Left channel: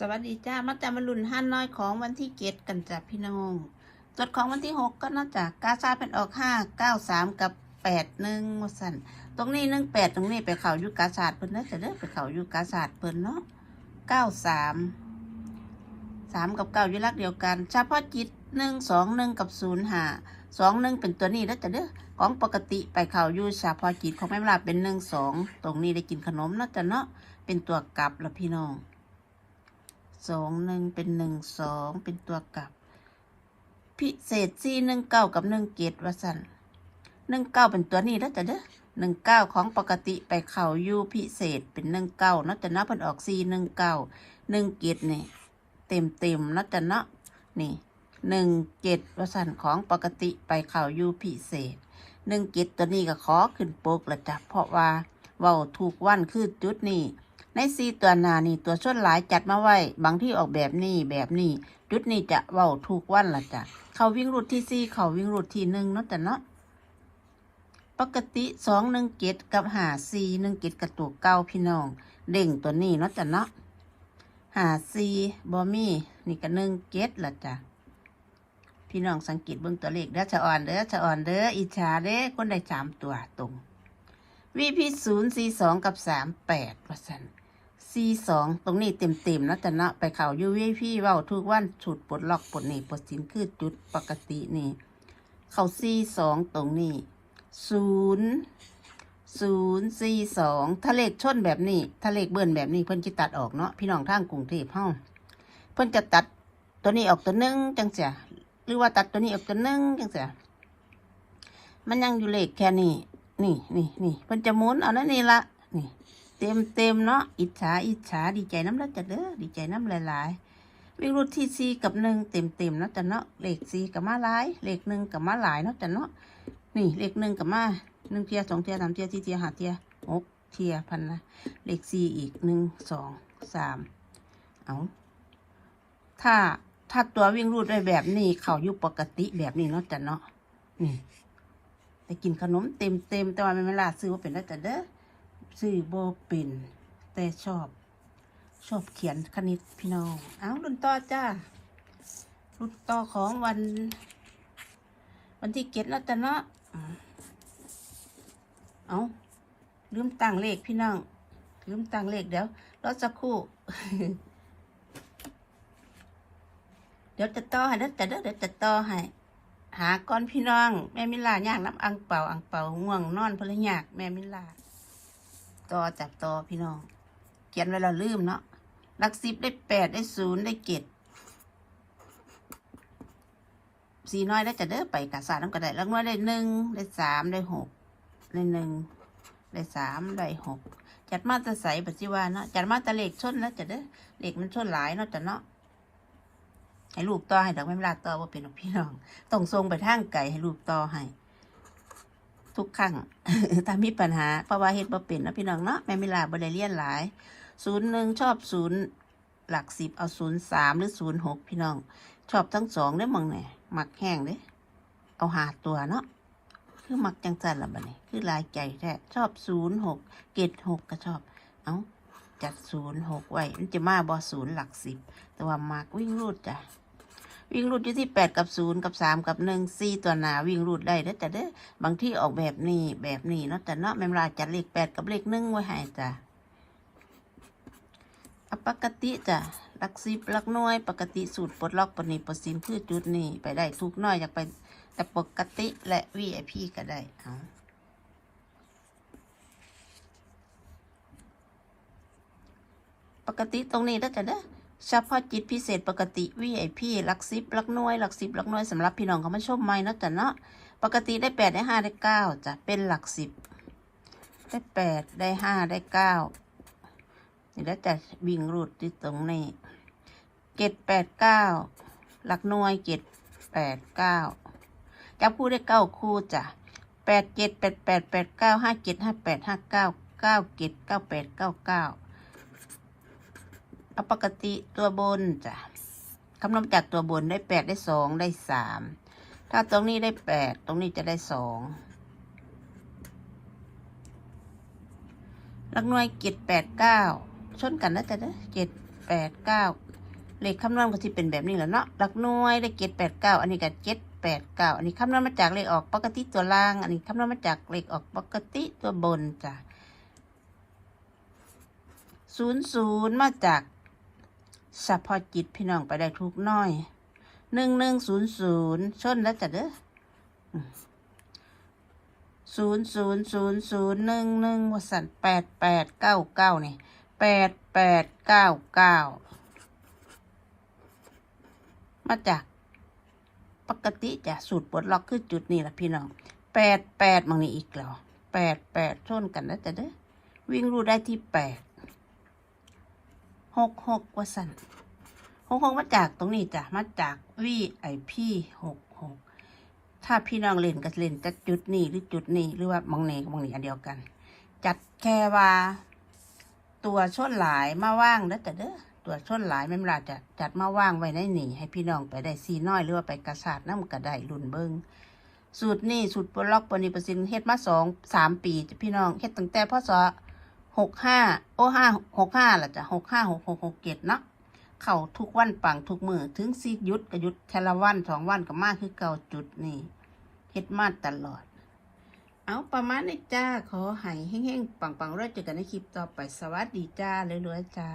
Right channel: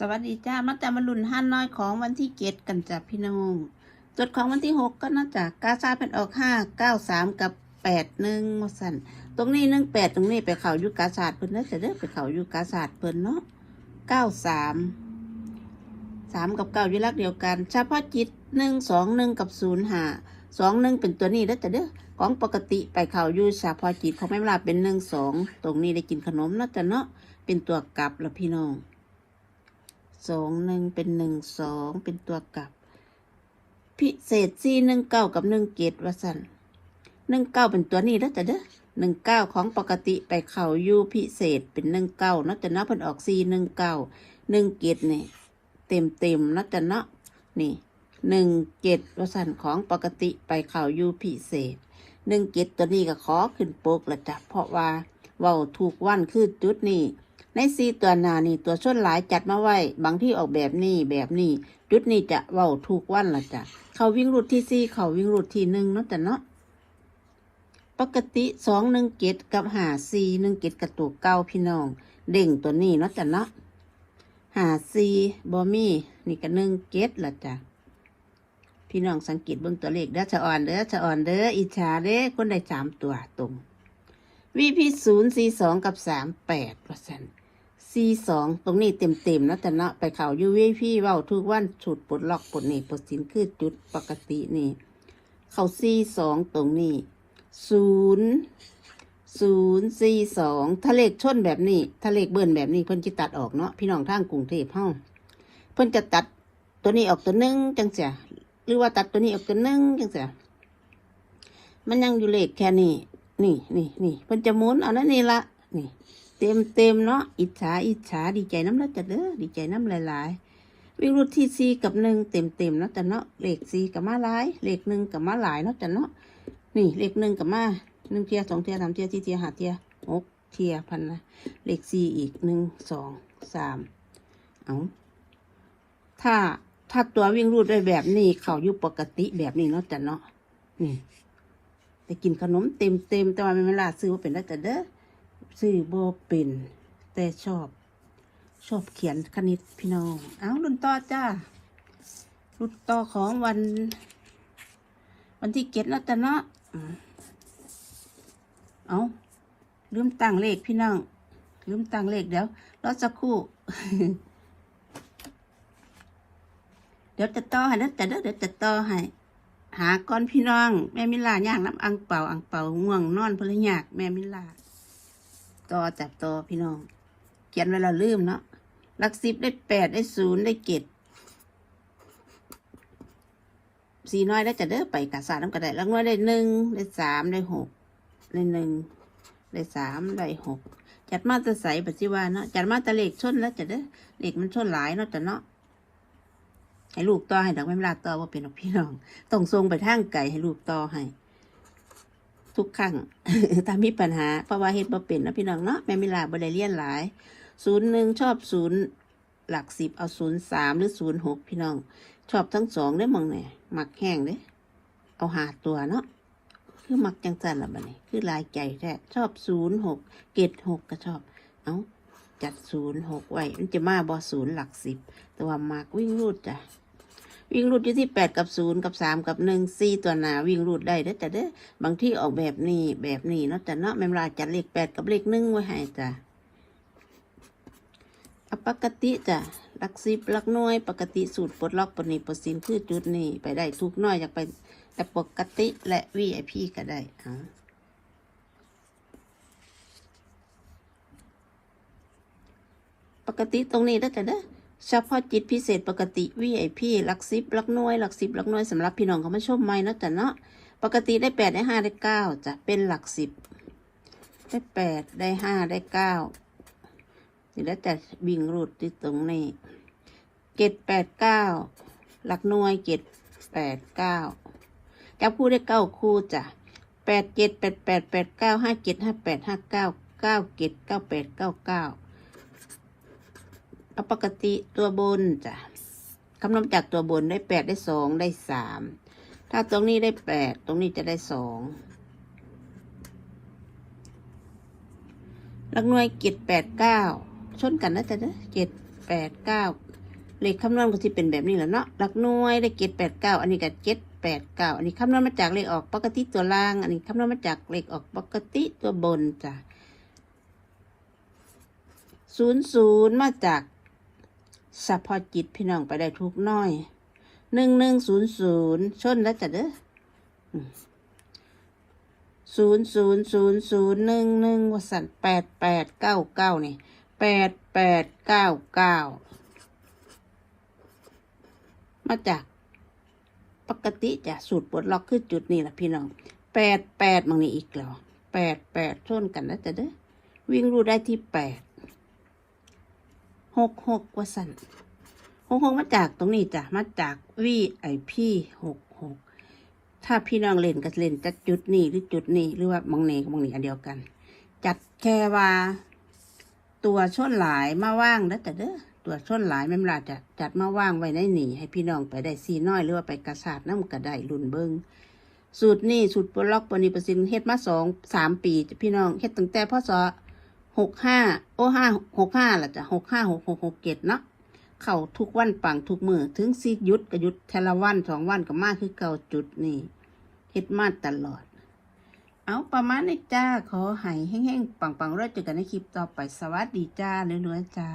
สวัสดีจ้ามาแต่มาลุ่นห้าน้อยของวันที่เจ็ดกันจ้ะพี่น้องจดของวันที่หกก็นอกจากกาซาเป็นออกห้าเก้าสามกับแปดหนึ่งมาสันตรงนี้หนึ่งแปดตรงนี้ไปเขายู่กาศาสตร์เพิ่นเด้อแต่เด้อไปเขายู่กาศาสตร์เพิ่นเนาะเก้าสามสามกับเก้าอยู่ลักเดียวกันเฉพาะจิตหนึ่งสองหนึ่งกับศูนย์ห้าสองหนึ่งเป็นตัวนี้เด้อแต่เด้อของปกติไปเขายู่เฉพาะจิตของแม่ลาเป็นหนึ่งสองตรงนี้ได้กินขนมเนาะแต่เนาะเป็นตัวกลับล้วพี่น้อง สองหนึ่งเป็นหนึ่งสองเป็นตัวกลับ พิเศษสี่หนึ่งเก้ากับหนึ่งเกตวสันหนึ่งเก้าเป็นตัวนี้แล้วแต่เด้อหนึ่งเก้าของปกติไปเข่ายูพิเศษเป็นหนึ่งเก้านะแต่เนาะเพิ่นออกสี่หนึ่งเก้าหนึ่งเกตนี่เต็มเต็มนะแต่เนาะนี่หนึ่งเกตวสันของปกติไปเข่ายูพิเศษหนึ่งเกตตัวนี้ก็ขอขึ้นปกละจ้ะเพราะว่าเว้าถูกวันคือจุดนี้ ในซีตัวหนานี่ตัวชนหลายจัดมาไว้ บางที่ออกแบบนี้แบบนี้จุดนี้จะเว้าถูกวันละจ้ะเขาวิ่งรูดที่ซีเขาวิ่งรูดที่หนึ่งเนาะแต่เนาะปกติสองหนึ่งเกตกับหาซีหนึ่งเกตกระตุกเก้าพี่น้อง เด่งตัวนี้เนาะแต่เนาะหาซีบอมี่นี่ก็หนึ่งเกตละจ้ะพี่น้องสังเกตเบื้องตัวเลขเด้อจะอ่อนเด้อจะอ่อนเด้ออิจฉาเด้อคนได้สามตัวตรงวีพีศูนย์สี่สองกับสามแปดเปอร์เซ็นต์ สี่สองตรงนี้เต็มเต็มๆนะแต่นะไปเข่ายูวีพีเว้าทุกวันฉุดปลดล็อกปลดหนี่ปลดสินคือจุดปกตินี่เขาสี่สองตรงนี้ศูนย์ศูนย์สี่สองถ้าเลขชนแบบนี้ถ้าเลขเบิ้ลแบบนี้เพิ่นจะตัดออกเนาะพี่น้องทางกรุงเทพห้องเพิ่นจะตัดตัวนี้ออกตัวนึงจังเสียหรือว่าตัดตัวนี้ออกตัวนึงจังเสียมันยังอยู่เลขแค่นี้นี่นี่นี่เพิ่นจะหมุนเอานั่นนี่ละนี่ เต็มเต็มเนาะอิจฉาอิจฉาดีใจน้ำละจัดเด้อดีใจน้ำหลายๆวิ่งรูดที่ซีกับหนึ่งเต็มเต็มเนาะจัดเนาะเลขซีกับมาหลายเลขหนึ่งกับมาหลายเนาะจัดเนาะนี่เลขหนึ่งกับมาหนึ่งเทียสองเทียสามเทียสี่เทียห้าเทียหกเทียพันละเลขซีอีกหนึ่งสองสามเอาถ้าถ้าตัววิ่งรูดได้แบบนี้เขาอยู่ปกติแบบนี้เนาะจัดเนาะนี่ไปกินขนมเต็มเต็มแต่ว่าไม่เวลาซื้อว่าเป็นได้แต่เด้อ ซื้อโบเป็น แต่ชอบ ชอบเขียนคณิตพี่น้อง เอารุ่นต่อจ้า รุ่นต่อของวัน วันที่เก็ดแล้วแต่เนาะเอาลืมตั้งเลขพี่น้อง ลืมตั้งเลขเดี๋ยวรอสักครู่ เดี๋ยวจะต่อให้นะแต่เดี๋ยวจะต่อให้หาก้อนพี่น้อง แม่มิลาย่างน้ำอังเป่าอังเป่าง่วงนอนพลยากแม่มิลา ต่อจับต่อพี่น้อง เขียนไว้เราลืมเนาะหลักสิบได้แปดได้ศูนย์ได้เจ็ดสี่น้อยได้จะเด้อไปกาสาน้ำกระไดหลักน้อยได้หนึ่งได้สามได้หกได้หนึ่งได้สามได้หกจัดมาตะใสปัจจุบันเนาะจัดมาตะเหลขชนแล้วจะเด้อเหลขมันชนหลายเนาะแต่เนาะให้ลูกต่อให้ดอกไม่ลาต่อว่าเป็นดอกพี่น้องต้องทรงไปทางไก่ให้ลูกต่อให้ ทุกครั้งถ้ามีปัญหา เพราะว่าเฮ็ดบ่เป็นนะพี่น้องเนาะแม่มิลาบ่ได้เรียนหลายศูนย์หนึ่งชอบศูนย์หลักสิบเอาศูนย์สามหรือศูนย์หกพี่น้อง ชอบทั้งสองได้มองไหนมักแห้งเด้เอาหาตัวเนาะคือหมักจังสันละบัดนี้คือลายใจแท้ชอบศูนย์หกเกตหกก็ชอบ เอาจัดศูนย์หกไว้มันจะมาบ่ศูนย์หลักสิบแต่ว่าหมักวิ่งรูดจ้ะ วิ่งรูดอยู่ที่แปดกับศูนย์กับสามกับหนึ่งสี่ตัวหนาวิ่งรูดได้เด้อแต่เด้อบางที่ออกแบบนี้แบบนี้เนาะแต่เนาะแม่มลาจัดเลขแปดกับเลขหนึ่งไว้ให้จ้ะปกติจ้ะลักสิบลักน่วยปกติสูตรปลดล็อกปนิปสินคือจุดนี้ไปได้ทุกน้อยจะไปแต่ปกติและวีไอพีก็ได้เอาปกติตรงนี้แล้แต่เด้อ เฉพาะจิตพิเศษปกติ VIP หลักสิบหลักหน่วยหลักสิบหลักหน่วยสำหรับพี่น้องเขาไม่ชมไม่นะจ้ะเนาะปกติได้แปดได้ห้าได้เก้าจะเป็นหลักสิบได้แปดได้ห้าได้เก้านี่แล้วจะวิ่งรูดที่ตรงนี้เจ็ดแปดเก้าหลักหน่วยเจ็ดแปดเก้าจะพูดได้เก้าคู่จ้ะแปดเจ็ดแปดแปดแปดเก้าห้าเจ็ดห้าแปดห้าเก้าเก้าเจ็ดเก้าแปดเก้าเก้า เอาปกติตัวบนจ้ะคำนวณจากตัวบนได้แปดได้สองได้สามถ้าตรงนี้ได้แปดตรงนี้จะได้สองหลักหน่วยเจ็ดแปดเก้าชนกันนะจ๊ะเด้อเจ็ดแปดเก้าเลขคำนวณก็ที่เป็นแบบนี้แหละเนาะหลักหน่วยได้เจ็ดแปดเก้าอันนี้ก็เจ็ดแปดเก้าอันนี้คำนวณมาจากเลขออกปกติตัวล่าง อันนี้คำนวณมาจากเลขออกปกติตัวบนจ้ะศูนย์ศูนย์มาจาก สัพอจิตพี่น้องไปได้ทุกน้อยหนึ่งหนึ่งศูนย์ศูนย์ชนแล้วจ้ะเด้อศูนย์ศูนย์ศูนย์ศูนย์หนึ่งหนึ่งวสันแปดแปดเก้าเก้านี่แปดแปดเก้าเก้ามาจากปกติจะสูตรปลดล็อกคือจุดนี้แหละพี่น้องแปดแปดมังนี่อีกแล้วแปดแปดชนกันแล้วแต่เด้อวิ่งรูได้ที่แปด หกหกว่าสันหกหกมาจากตรงนี้จ้ะมาจากวีไอพีหกหกถ้าพี่น้องเล่นก็เล่นจัดจุดนี้หรือจุดนี้หรือว่ามองนี้กับมองนี้อันเดียวกัน จัดแค่ว่าตัวชนหลายมาว่างแล้วแต่เด้อตัวชนหลายแม่มลาจะจัดมาว่างไว้ในหนีให้พี่น้องไปได้ซีน้อยหรือว่าไปกระสาดน้ำกระได้รุ่นเบิงสูตรนี้สูตรปลดล็อกปนิประสินเฮ็ดมาสองสามปีพี่น้องเฮ็ดตั้งแต่พศ หกห้าโอ้ห้าหกห้าละจ้ะหกห้าหกหกหกเจ็ดเนาะเข้าทุกวันปังทุกมือถึงสิยุดกับยุดแทละวันสองวันกับมาคือเก่าจุดนี่เฮ็ดมาตลอด เอาประมาณนี้จ้า ขอหายแห้งๆปังๆแล้วเจอกันในคลิปต่อไปสวัสดีจ้ารวยๆจ้า